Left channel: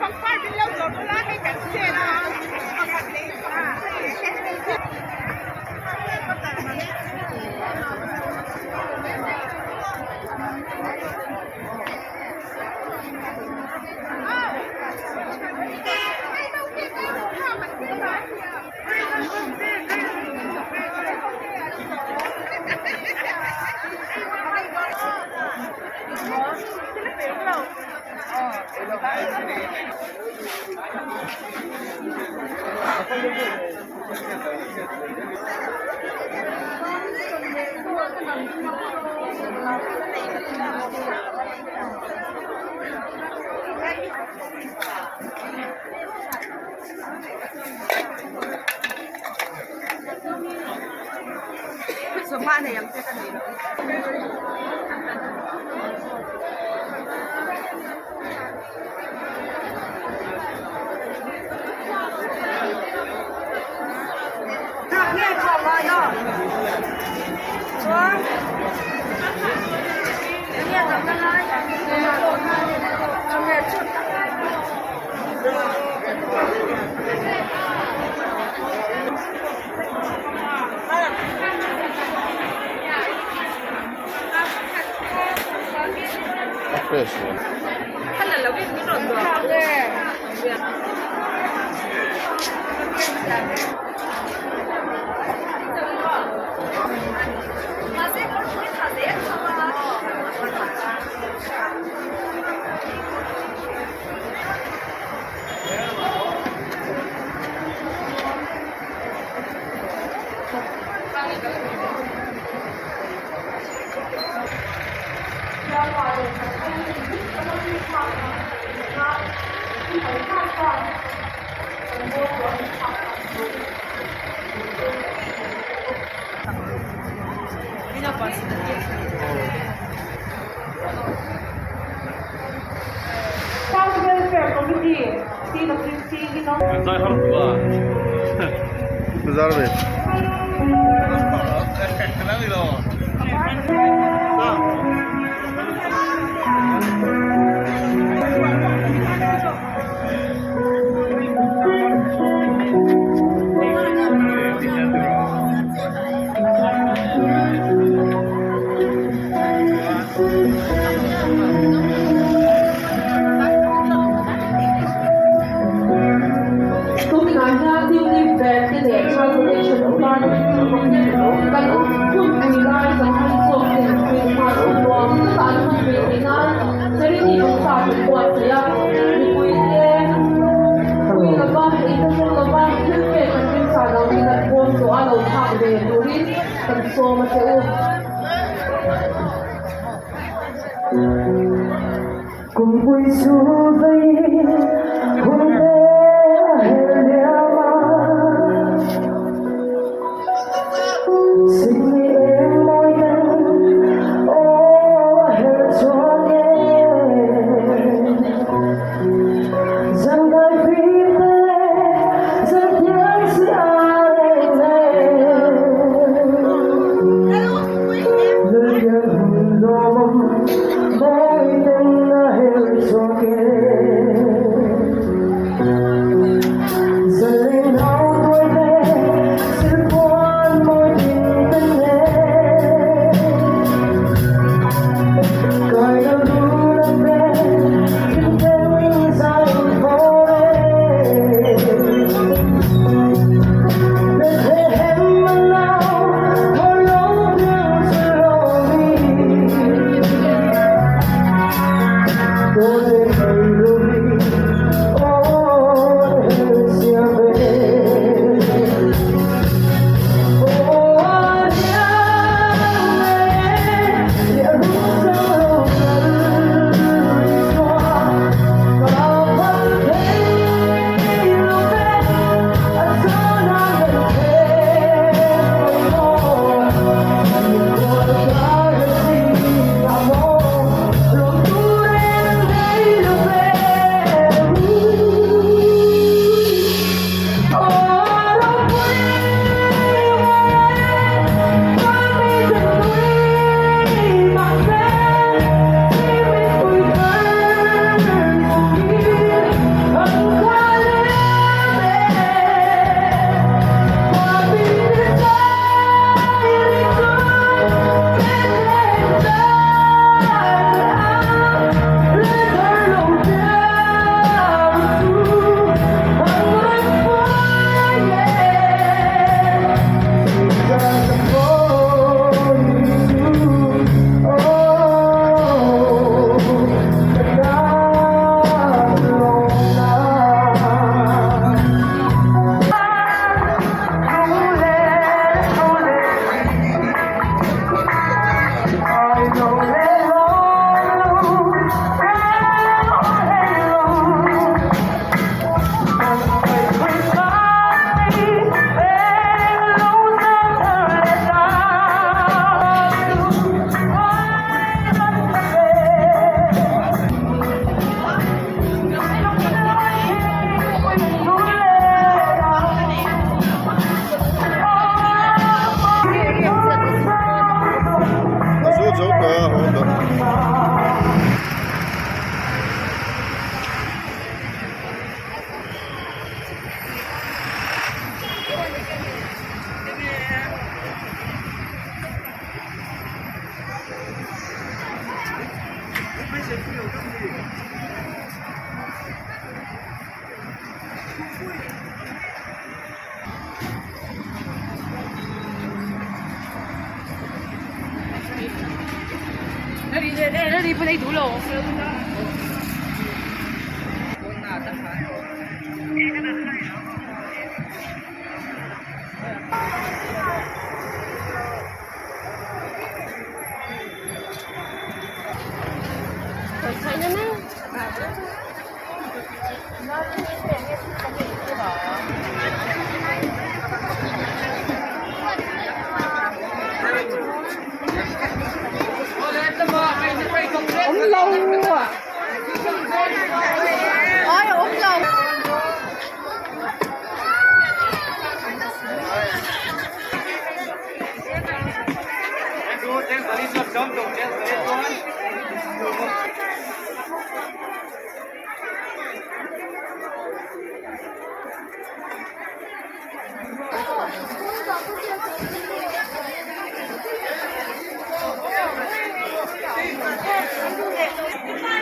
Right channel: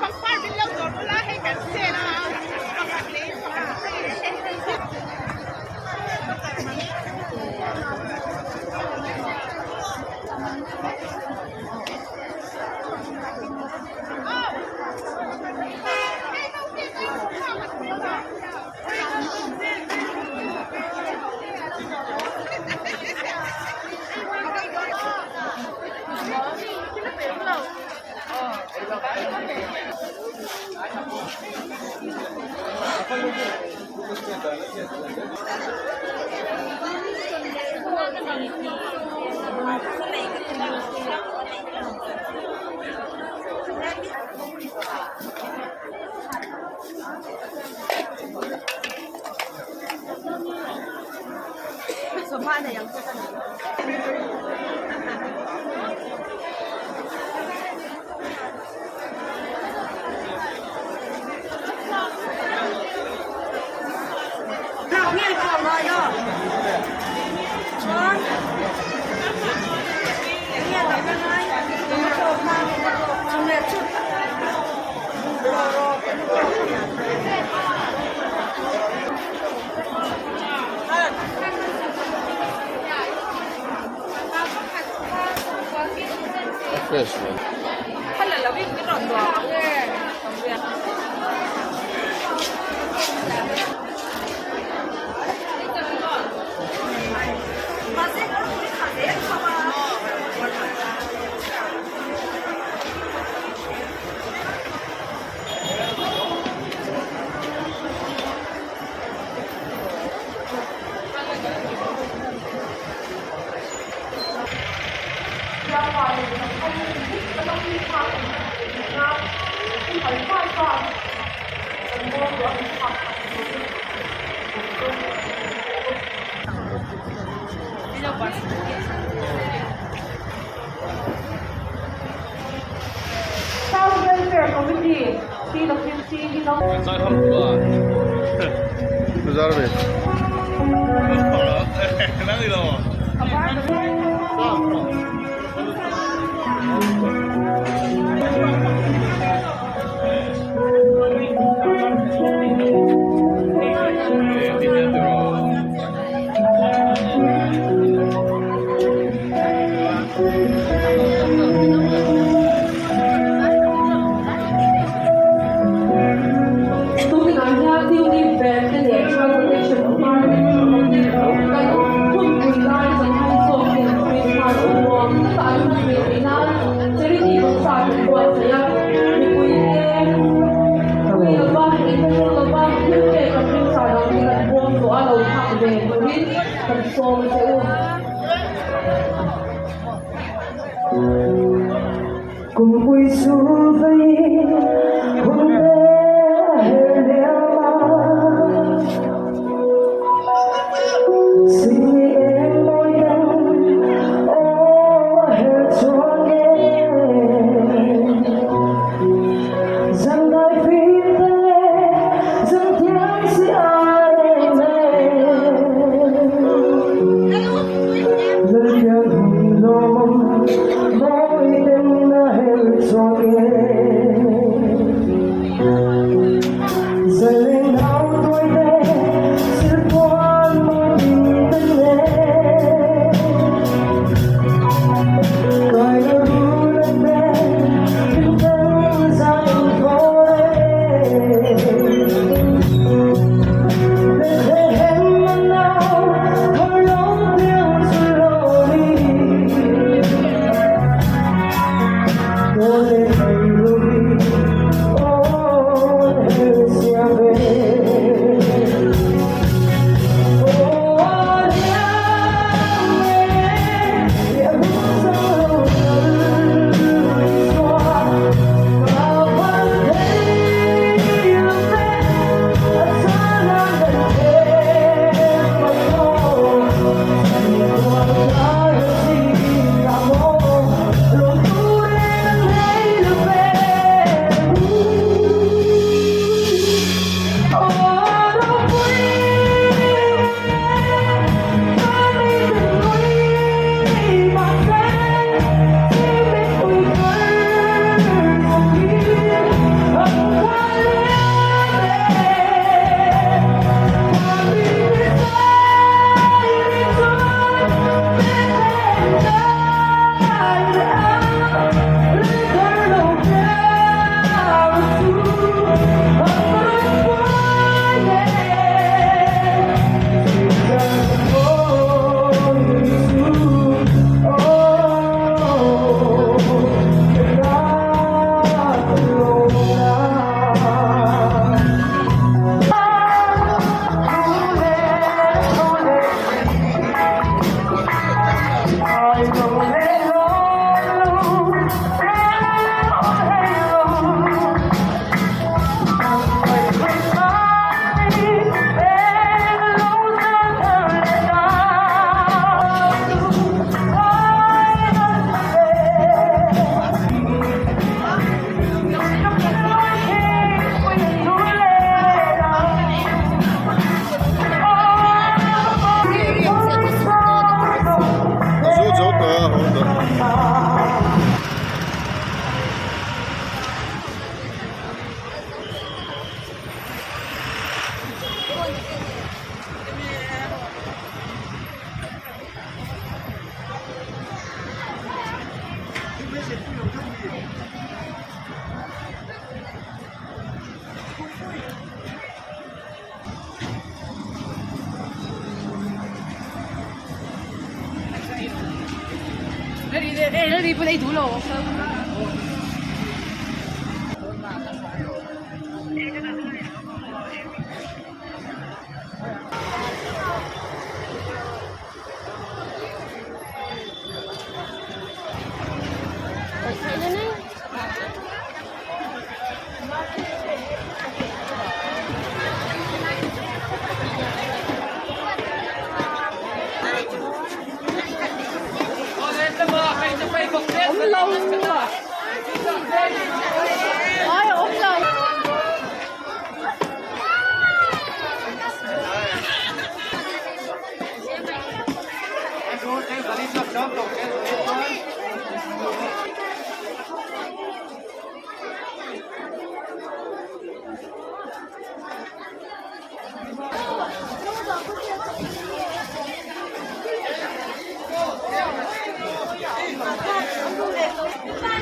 放块饼了，做出来还更鲜啊！放块饼，放块饼。ส่วนมากเนี่ยยังพูดกันอยู่เนี่ยขอบเลยเนาะเนี่ยทำยังไงทำไงชุดOfficial. هلا لو جيت بنرد Say hello. Güzel bir. cùng vui du vây hôm nay hẹn nhau xin em môi đắng ô hẹn cho nghe rằng đời phi tê rằng tiếng si ai này lời nhắn hùng lông môi đắng dần lên áo tôi về sự quan môi tình tân 那里不得读了。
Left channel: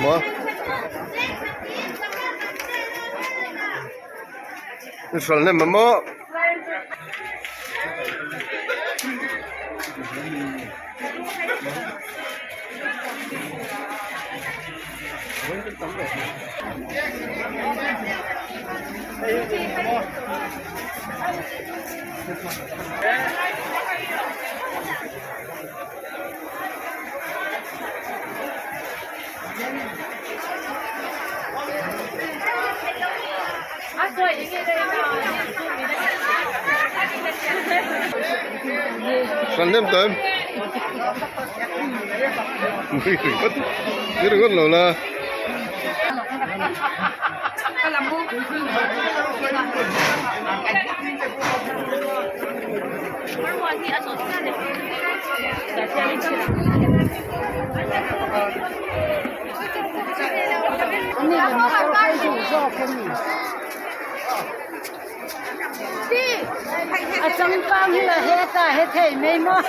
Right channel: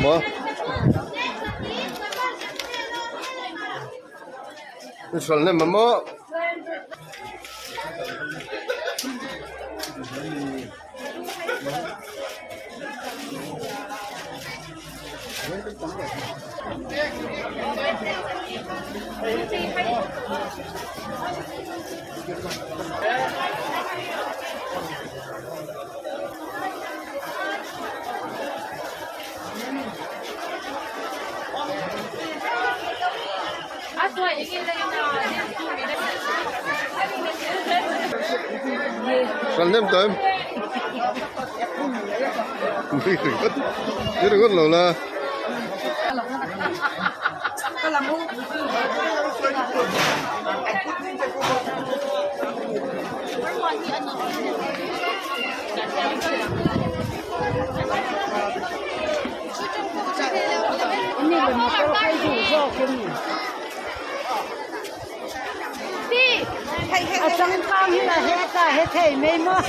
么？你说那么？Sẵn thêm tôm. Mày khỉ mất. Chứ đừng có lẩu là. Đi. Chẳng qua như là hết cả hết thảy mê mốt.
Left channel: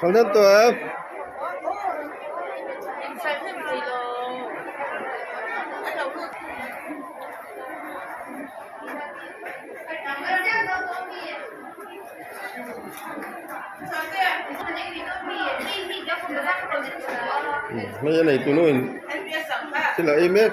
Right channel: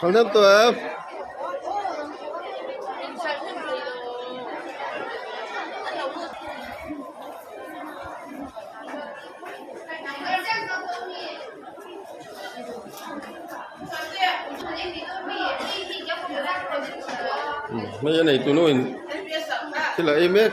Sẵn thêm tôm. Mấy cái này tụi nó thế là em hết.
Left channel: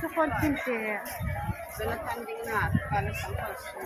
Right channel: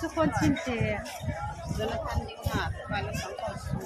是婚庆节。人了看定了，完了上头去。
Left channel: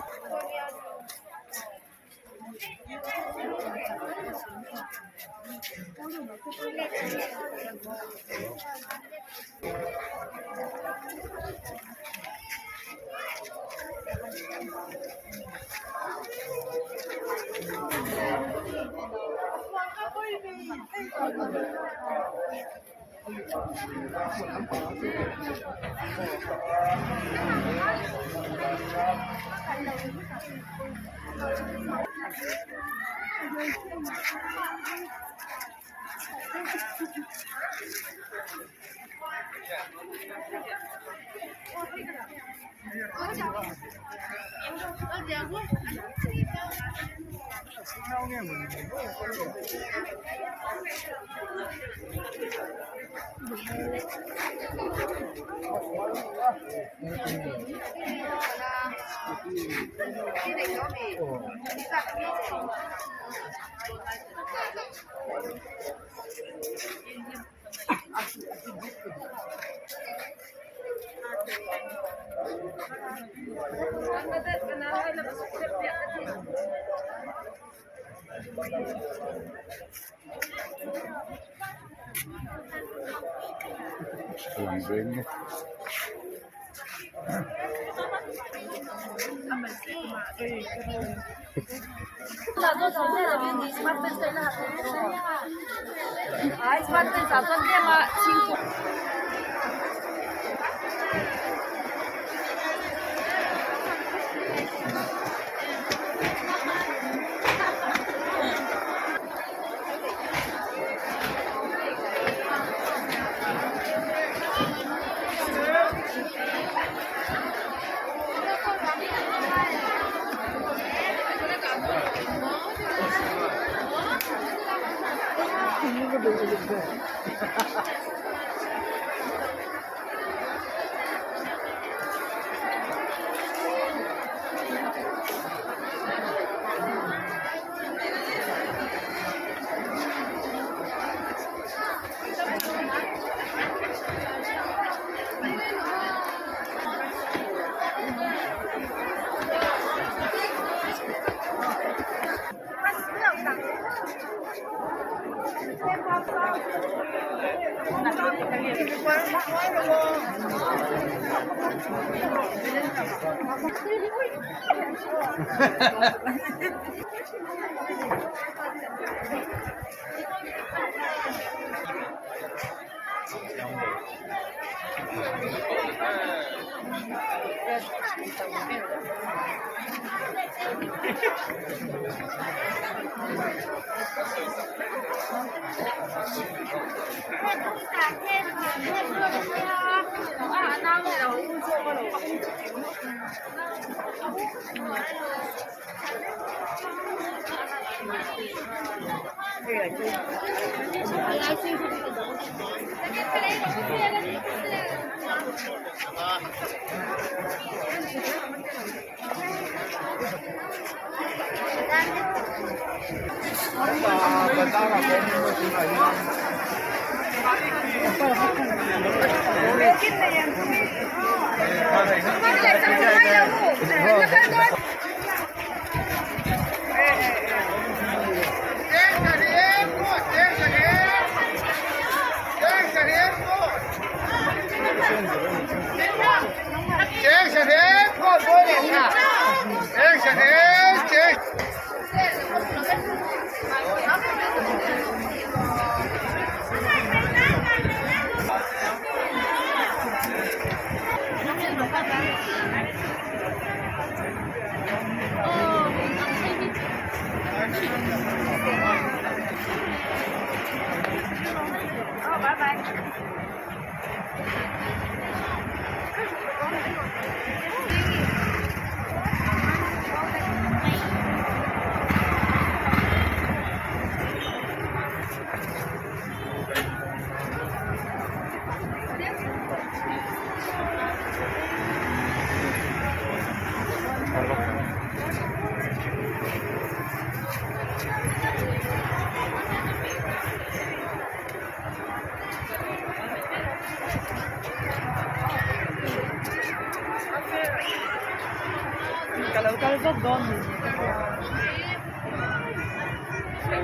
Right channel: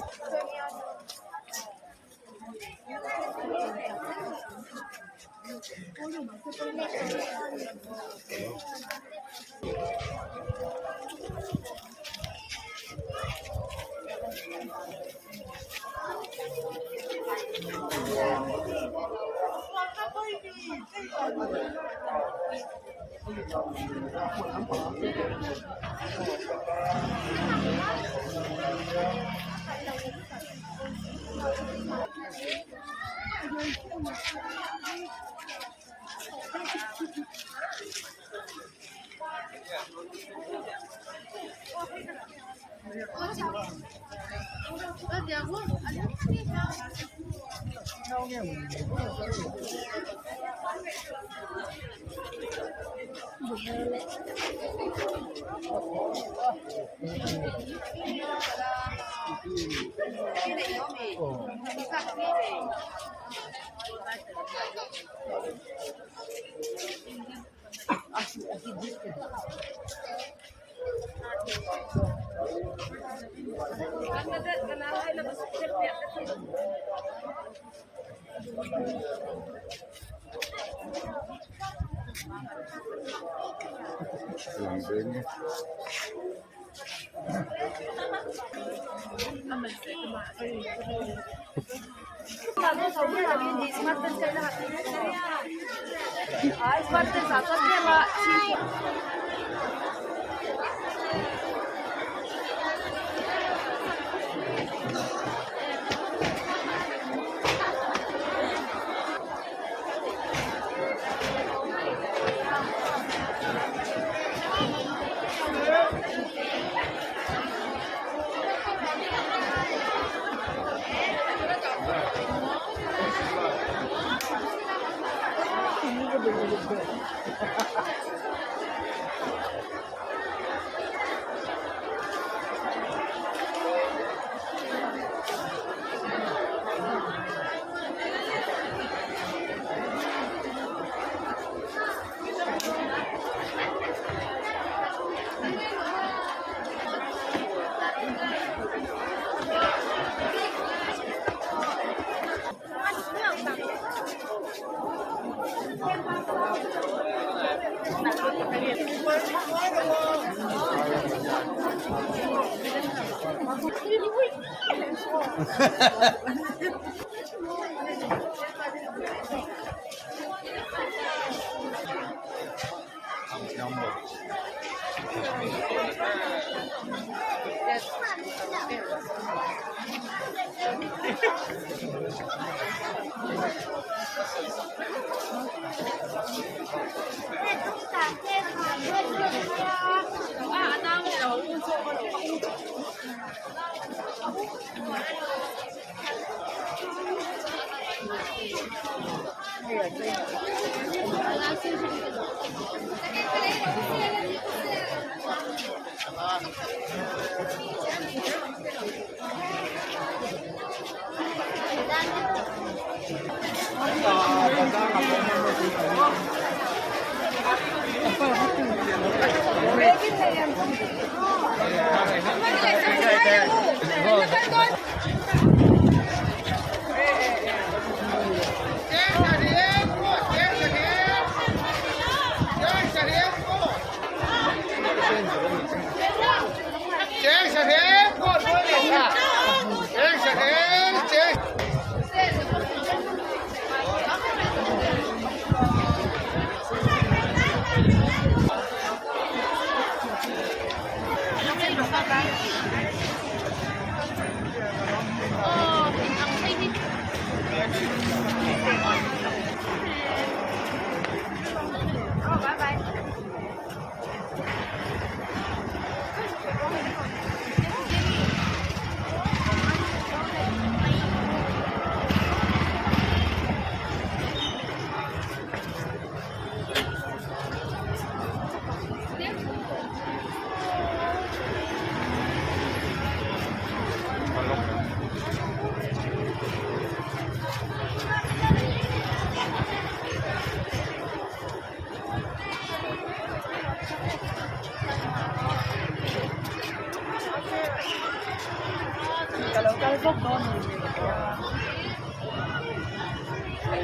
来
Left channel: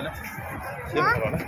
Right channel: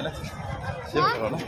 了，辛苦了。